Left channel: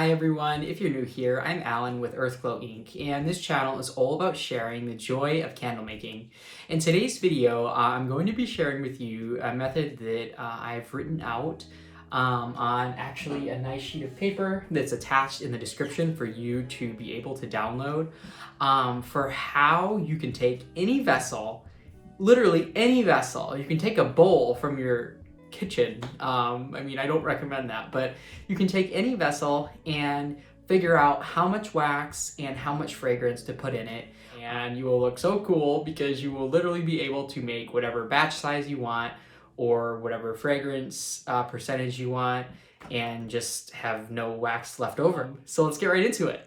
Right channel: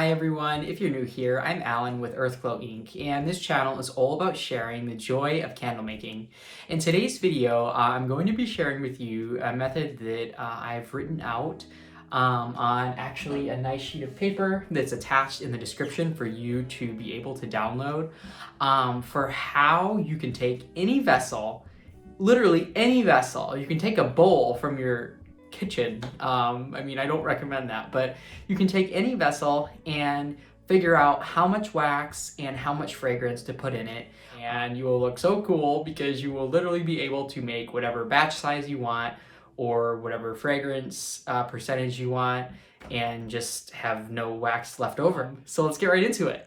Hi everyone, if you're new here, I'm Alan with Earthglow Inc. and this channel is all about sharing the joy of candle making. In today's video, I'm going to be sharing with you a method that I've written out on actually a nice sheet of paper that's attached in the description for you to be able to download for how you can take any vessel, literally any vessel. You can take a bowl from your kitchen. I don't recommend that, but you can take any vessel and figure out how much wax and how much fragrance to put in it. And you will look so cool because you will literally be able to make whatever batch size you want or whatever fragrance percentage you want and just have no wax left over. So let's get right into it.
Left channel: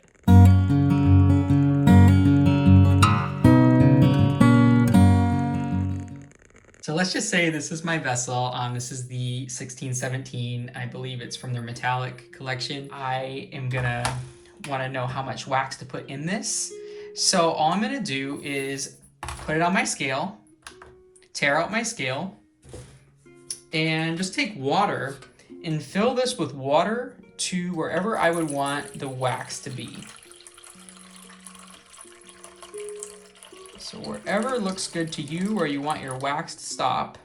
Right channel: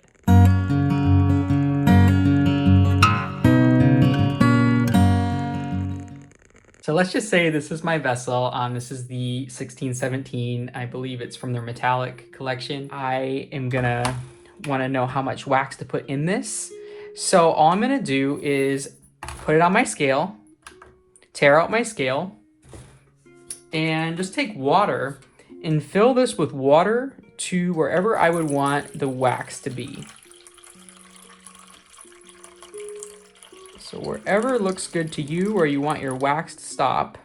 So let's just say this is my vessel. This is the 1617. I believe it's from their metallic collection. I am gonna wanna know how much wax to put in this. So all I'm gonna do is put it on my scale, tear out my scale, and just take water and fill this with water to wherever I would want the wax to be. So wherever looks good to you, where you want your wax to stop.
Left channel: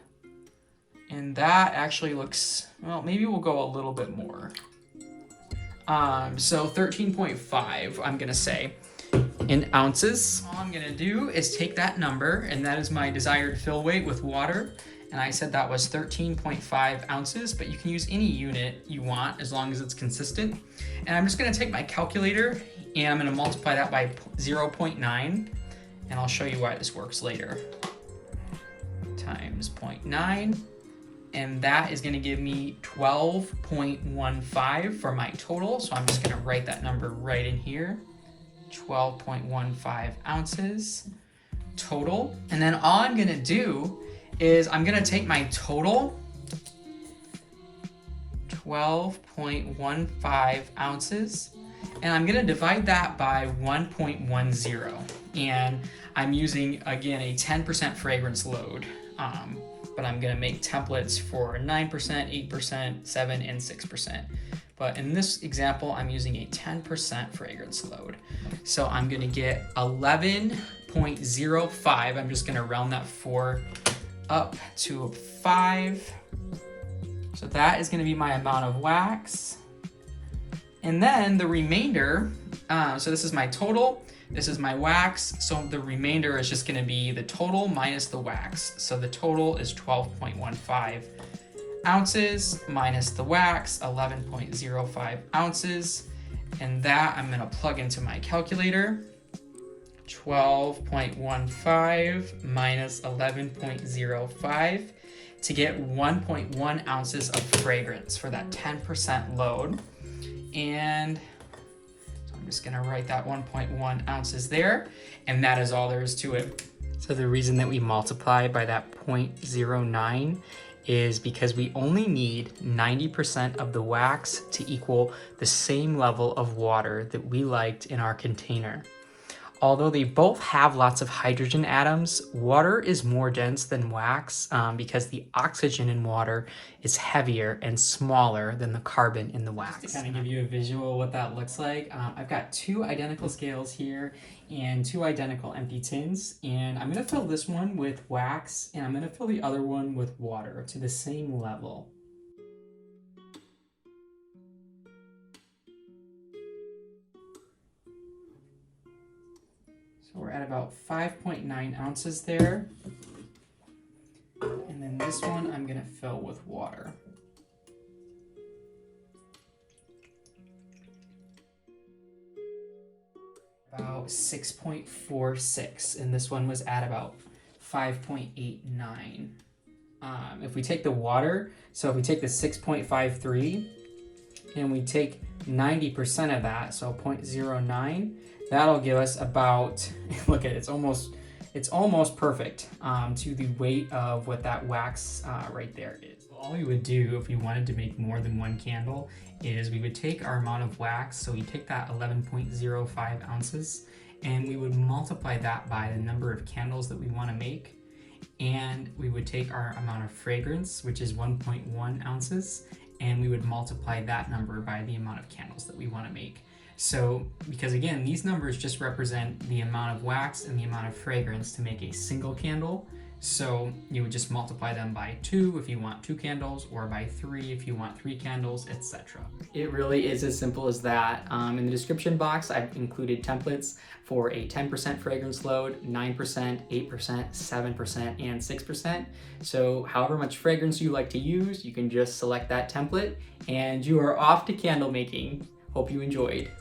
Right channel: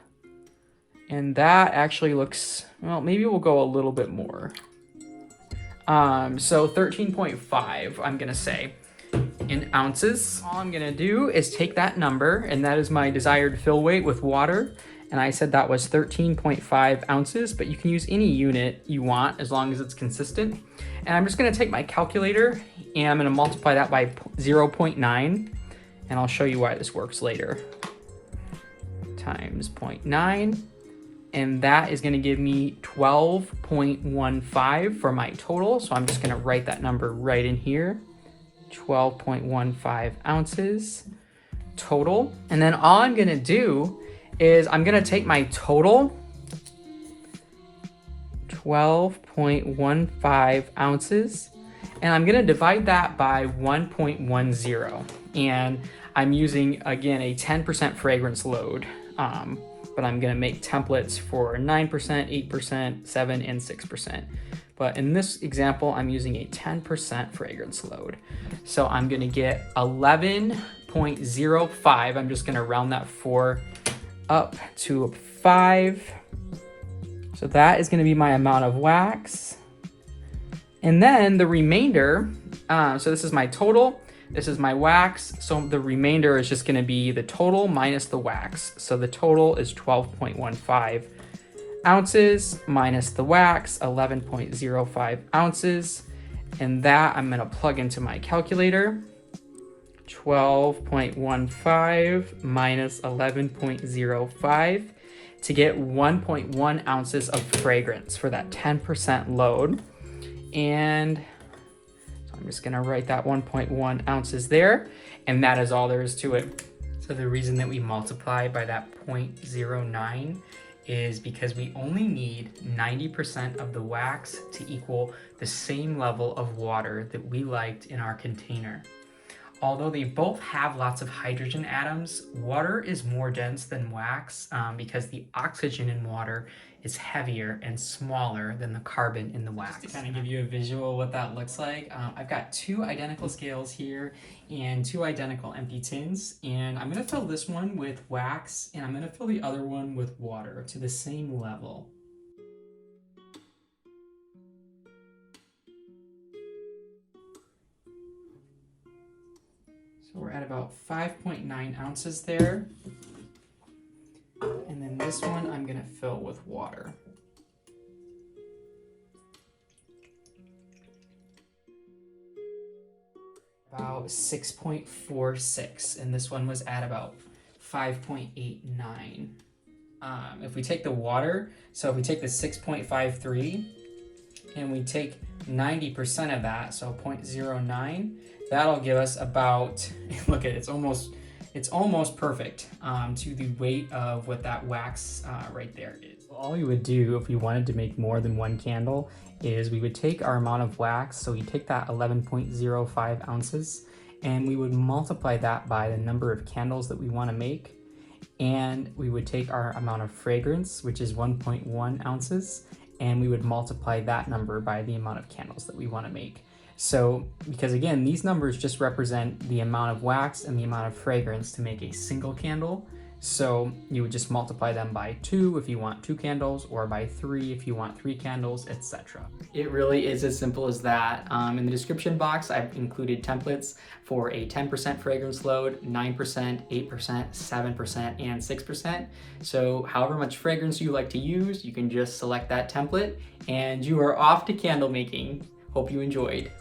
And that actually looks, well, maybe we'll go a little bit more. So 13.5, I'm gonna say, in ounces. All I'm gonna do is take that number, and that is my desired fill weight with water. And I said that was 13.5 ounces, but you can use any unit you want as long as it's consistent. And I'm just gonna take my calculator and I'm gonna multiply that by 0.9. And I'll show you why this works later. Times 0.9, and that is gonna give me 12.15 for my total. So I'm just gonna write that number right in here. 12.15 ounces total. And then all I'm gonna do is I'm gonna take my total, 12.15 ounces, and I'm gonna divide that by 1.10. And I'm using, again, a 10% fragrance load, but I'm gonna make templates for 9%, 8%, 7, and 6%. But in this example, I'm using a 10% fragrance load. So I'm gonna get 11.05. I'm just gonna round that 4 up to a 5. So that is gonna be my amount of wax. And then the remainder, so this is my total, this is my wax, so the remainder is just gonna be the total minus the wax. So the total is 12.15 ounces minus the wax, 11.05 ounces. And that I'm gonna plug into my calculator. 12.15 minus 11.05 to get 1.1 ounces of fragrance for that 10% load. And I'm just gonna write that 1.1 ounces there, and that is all there is to it. So the reason that we multiply by that 0.09 is because we only need 90% of the wax to equal the same level of water that we liked in our container. Although they both have lots of hydrogen atoms, water is more dense than wax because the oxygen in water is heavier and smaller than the carbon in the wax. Just to kind of give you a visual what that looks like, I've got 2 identical scales here and 2 identical empty tins, and I'm gonna fill this one with wax and I'm gonna fill the other one with water to the same level. So we're at about 5.9 ounces there. And then this one I'm gonna fill with water. About 6.46, and this one was at about 5.89. If we take the water, so if we take the 6.53 and we take 90% of that, so 0.09, that'll give us about, look at it, it's almost perfect to the weight of what that wax right there is. All we would do if we wanted to make more than 1 candle is we would take our amount of wax, so we take that 11.05 ounces, and we would multiply that by the number of candles that we want to make, and we would take our amount of fragrance, which is 1.1 ounces, and we would multiply that number by the amount of candles that we want to make. So, because again, these numbers just represent the amount of wax and the amount of fragrance to make a single candle. So you would just multiply them by 2 if you want 2 candles, or by 3 if you want 3 candles, etc. It really is as simple as that. In the description box, I've included templates for a 10% fragrance load, 9%, 8%, 7%, and 6%. So however much fragrance you like to use, you can just select that template and you are off to candle making. Hope you enjoyed.